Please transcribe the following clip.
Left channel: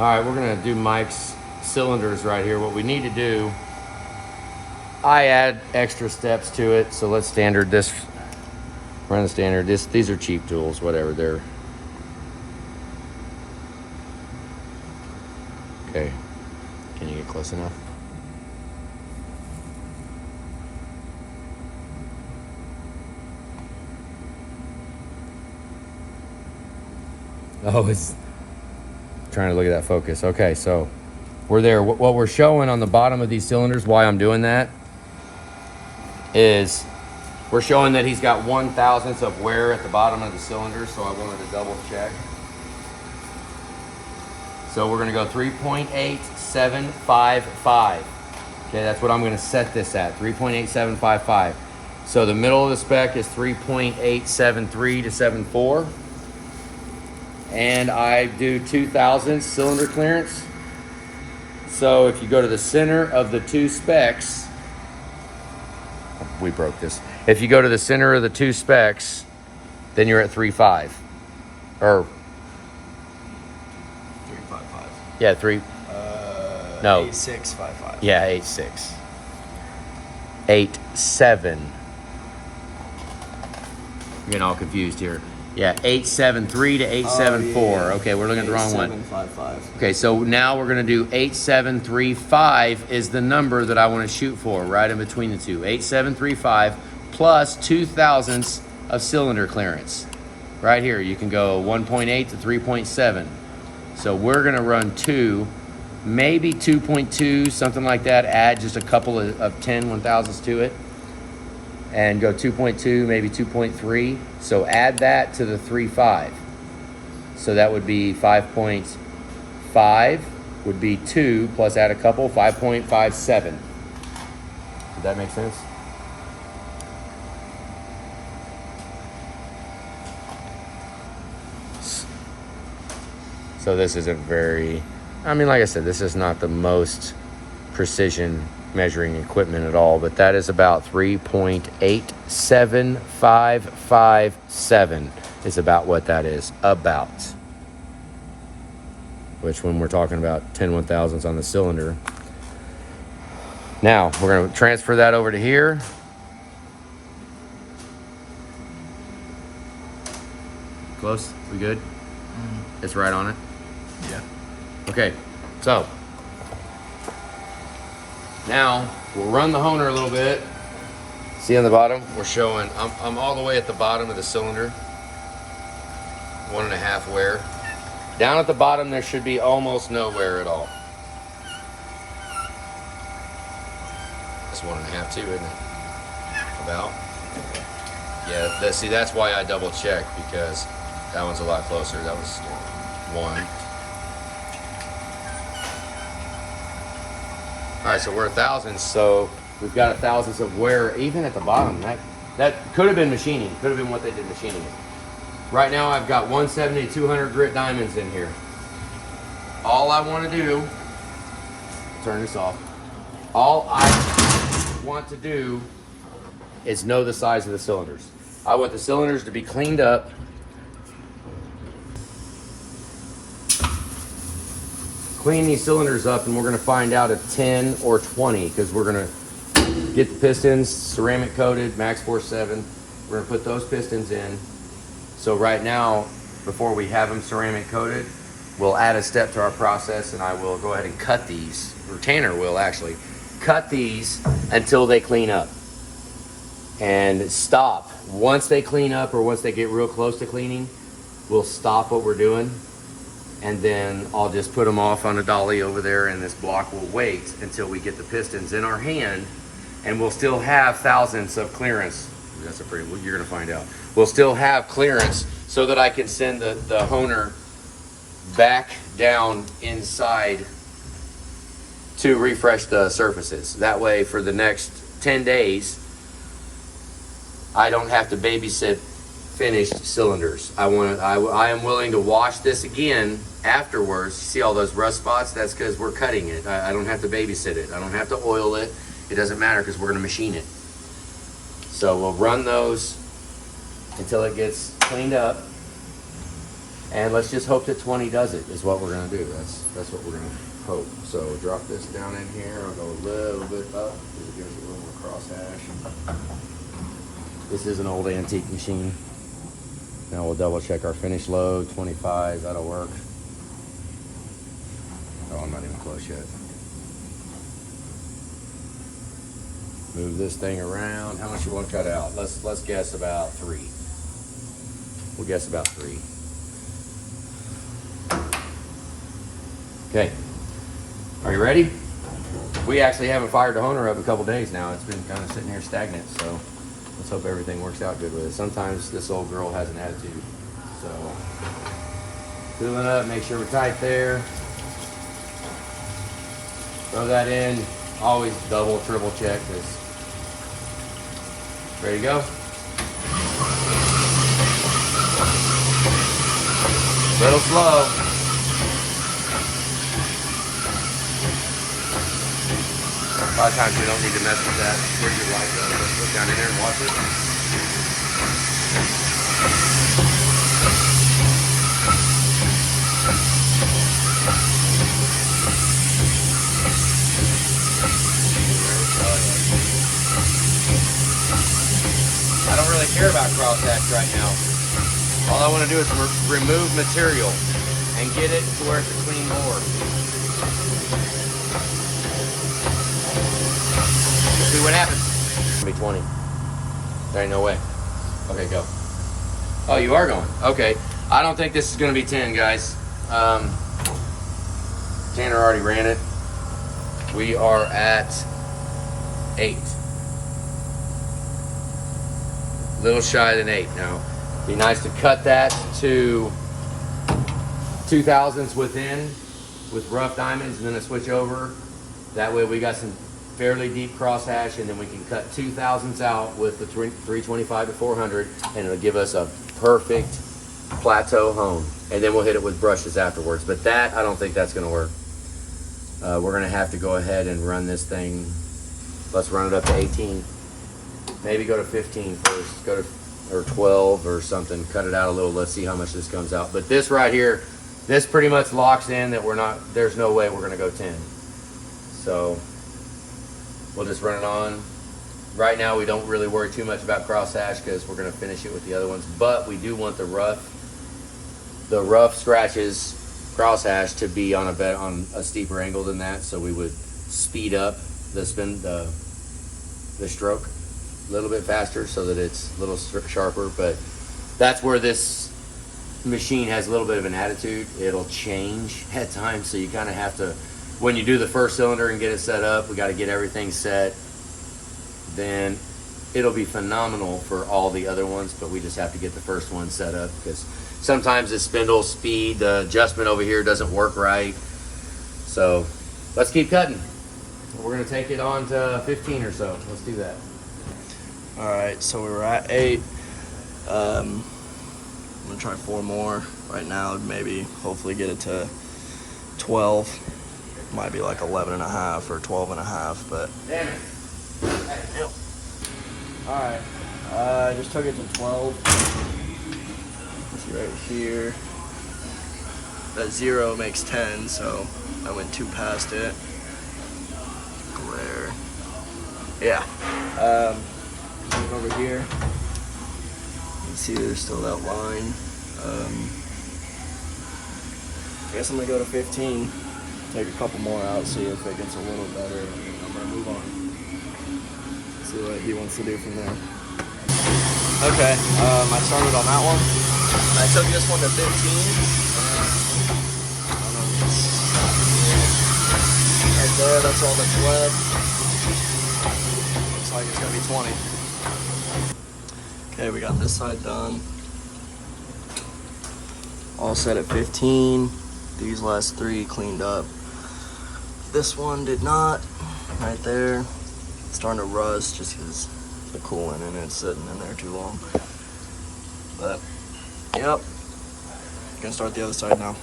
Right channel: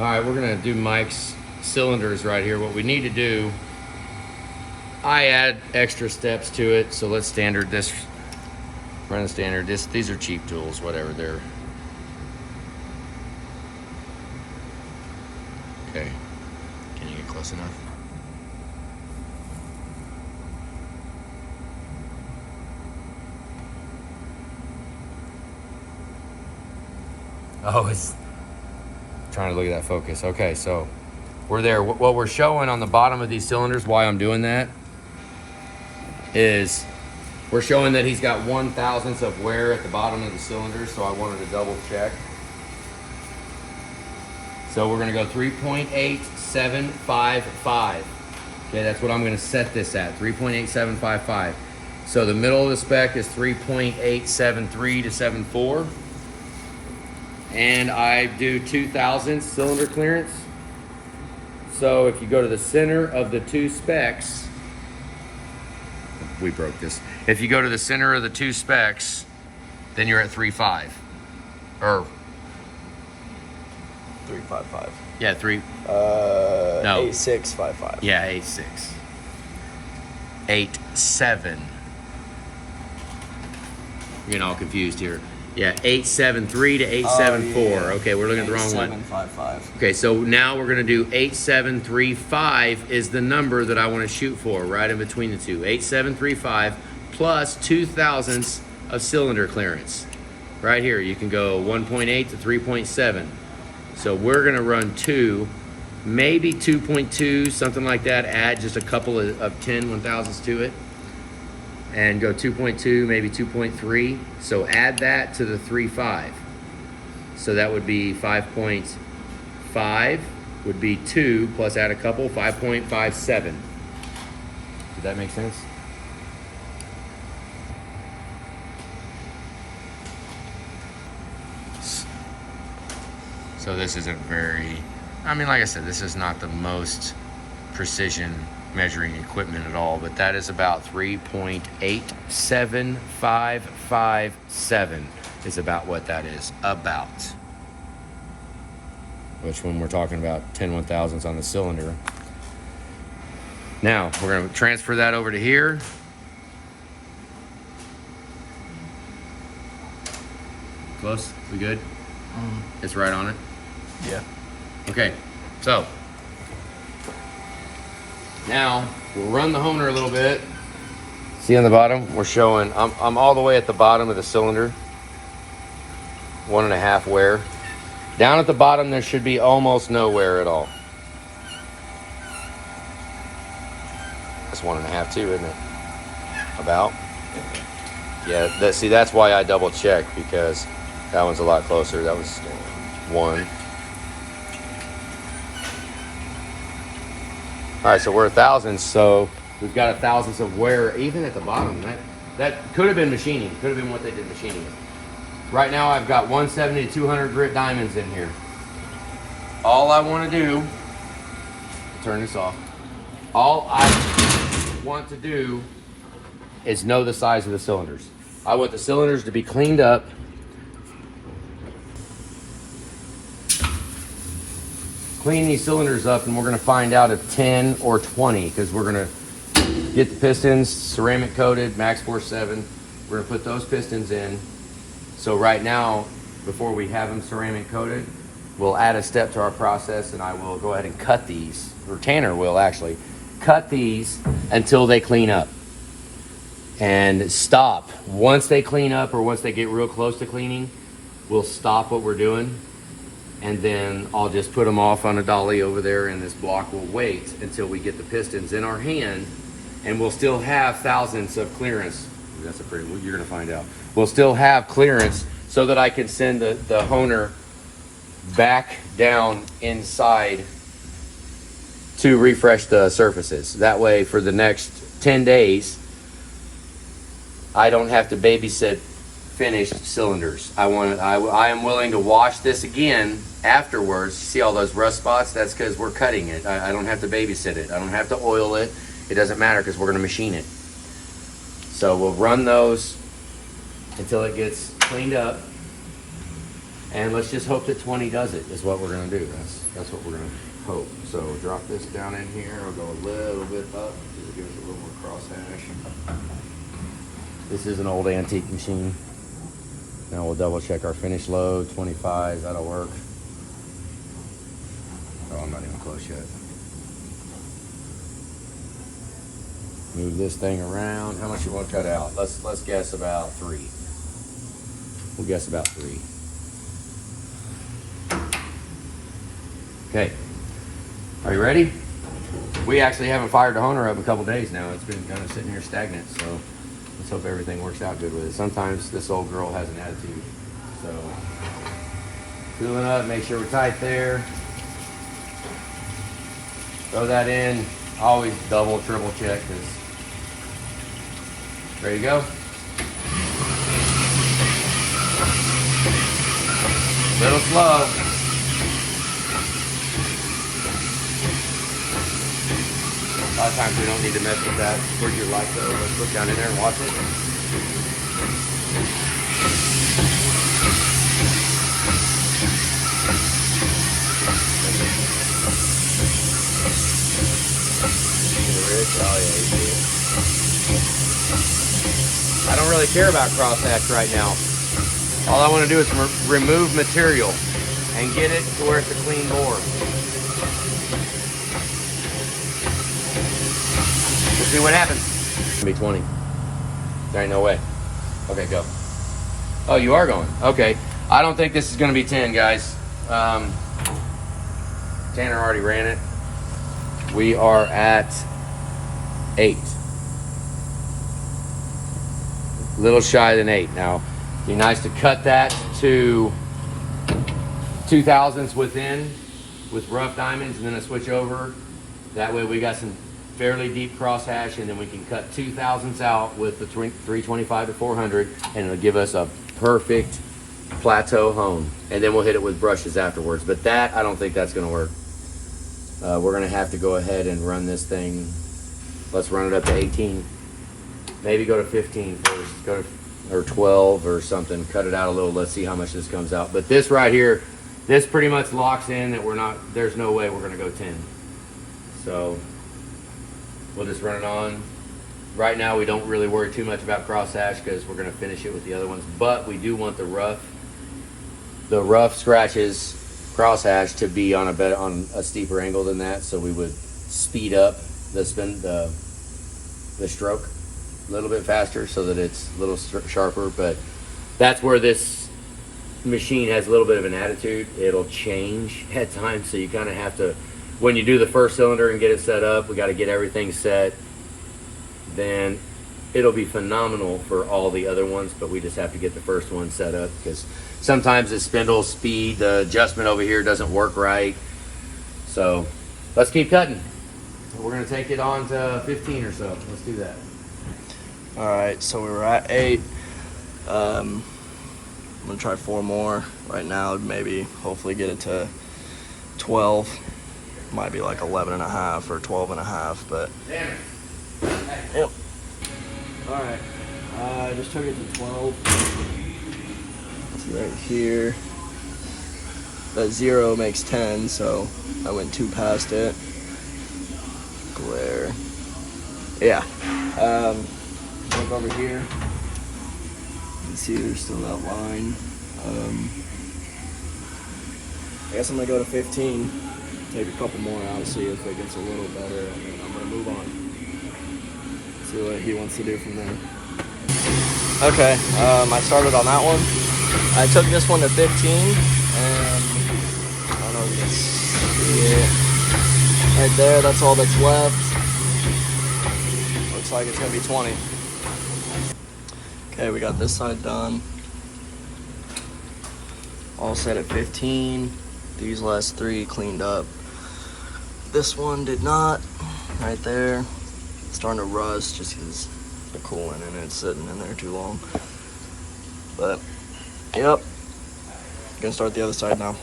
All right, we're gonna do Mike's cylinders right here. What we need to do, I add extra steps to it, so let's standard this. Run the standard. These are cheap tools, whatever they're. Okay, can you get close enough? Oh, it's trying to look at that focus. Okay, so we're there. What we're showing on the bottom of these cylinders, why I'm doing that, is we're showing that he's got 1/1000th of wear at the bottom of the cylinder, so I wanted to double check. So we're gonna go 3.8755. Okay, that's what I'm gonna set this at, 3.8755. So the middle of the spec is 3.873 to 74. And I do 2/1000 cylinder clearance. So if you go to the center of the two specs, we broke this. If you go to the center of the two specs, then you're at 3.5. Or 355. yeah, no. 8655. Yeah, 86. 87. I'm getting all confused here. Yeah, 873 to 874. Yeah. Okay, we're looking at the wrong one. 8755. Okay, so now we're gonna do 8735 is the number that I wanna shoot for, right in between the two. 8735 plus 2/1000ths of cylinder clearance. Right here, you can go 1.8 to 3.7. So we're gonna run 2, maybe 2.2, something like that. Add just a couple of 10/1000ths to it. And go 2.2, maybe 2.3. So add that to the 3.5. So that would be 5.5 would be 2 plus add a couple, 5.57. Did that make sense? So this isn't very, I mean, like I said, this is not the most precision measuring equipment at all, but that is about 3.87557 is about what that is, about. Which when we're talking about 10/1000ths on the cylinder. Now, we're gonna transfer that over to here. Close, we good? It's right on it? Yeah. Okay, so now we'll run the honer a little bit. See on the bottom, we're showing, I'm all the way at the bottom of the cylinder. 1.5 wear. Down at the bottom, there should be almost no wear at all. That's 1.5 too, isn't it? About. Yeah, see, that's why I double check, because that one's a lot closer. That was 1. All right, so we're 1/1000, so we've got 1/1000 of wear even at the bottom. That could have been machining, could have been what they did machining. Right now I've got 170 to 200 grit diamonds in here. All I want to do, turn this off. All I want to do is know the size of the cylinders. I want the cylinders to be cleaned up. Clean these cylinders up, and we're gonna find out if 10 or 20, because we're gonna get the pistons ceramic coated, Max Force 7. We're gonna put those pistons in. So right now, before we have them ceramic coated, we'll add a step to our process, and I will go ahead and cut these, or Tanner will actually, cut these until they clean up. And stop. Once they clean up, or once they get real close to cleaning, we'll stop what we're doing. And then I'll just put them off on a dolly over there, and this block will wait until we get the pistons in our hand, and we'll still have 1/1000ths of clearance. That's a pretty, you're gonna find out. We'll still have clearance so that I can send the honer back down inside to refresh the surfaces. That way for the next 10 days, I don't have to babysit finished cylinders. I am willing to wash this again afterwards. See all those rust spots? That's because we're cutting it. I don't have to babysit it. I don't have to oil it. It doesn't matter because we're going to machine it. So we'll run those until it gets cleaned up. And let's just hope that 20 does it, is what we're gonna do. That's what we're gonna hope. So drop this down in here. I'll go a little bit up because it gives it a little more crosshash. This is an old antique machine. Now we'll double check our finish load, 25, that'll work. Oh, I'm not even close yet. Move this thing around. How much you want to cut out? Let's guess about 3. We'll guess about 3. Okay. Are you ready? We actually haven't fired the Honer up a couple days now. It's been kind of sitting here stagnant, so let's hope everything works out good with it. Sometimes this old girl has an attitude. So, cooling up, make sure we're tight there. Throw that in. Always double, triple check this. Ready to go? Little slow. A lot of times we don't need to mess with that. Put your light though. Let's look down here and watch it. I don't really care about crosshatch right now. All I want to do is remove material and get it to where it can clean more. See what happens. It's gonna be 20. There ain't no way. Okay, go. Oh, you are going. Okay. I don't think this is gonna be 10, guys. Tanner already ran it. We are at 8. Little shy than 8 now. Be nice to cut that to 2,000ths within with rough diamonds and then a switch over. That way we got some fairly deep crosshatch, and then we can cut 2,000ths out with the 325 to 400, and it'll give us a perfect plateau hone. And then we'll hit it with brushes afterwards. But that, I don't think that's gonna work. We're gonna have to go ahead and run this thing. Let's run it up to 18. Maybe go to 15 first, go to, or 12 or something, cut it out a little, let's see how much this comes out. But this right here, this pretty much locks in that we're not, there's no way we're gonna go 10. So, we'll just run it on. Right now we don't really worry too much about crosshatch because we're gonna finish it with the other ones, but we do want the rough scratches crosshatch to be on a steeper angle than that, so we would speed up the stroke a little bit faster so that it's a little sharper. But that's where this machine has a little bit of an attitude. It'll change at times, so you kind of have to, when you do the first cylinder and get it set up, we got to get everything set, then it'll be phenomenal for all the other ones, but we just have to get the first one set up because sometimes the spindle speed, the adjustment over here doesn't work right. So let's keep cutting. We're gonna take it on to 15 or so. Let's do that. All right, so we were at 8. I'm gonna try 4 more right now. Maybe hopefully get it to 12. Might be like 11 and a half or 12 and a half, but. Damn it. Yep. All right, I just took it to 12. It's right here. That 0 makes 10, so I went 2 past it. Glare. Yeah. Look over here. You can see there's still that line. I guess I'm gonna go to 15. Take a couple more out, see if it gets a little better, and then I'm gonna move on. See what he wants to do from there. Okay, I started on that one. I took this one to 15, and I don't know if it's right there, that's all that's left. Looks like it's gonna be 20. Okay, we got this side done. All set at 15. These last 3 cleaned up. This one did not, right there. It's starting to rust just because the coolant in it's sitting in there too long. But, yep, gonna start the other side now.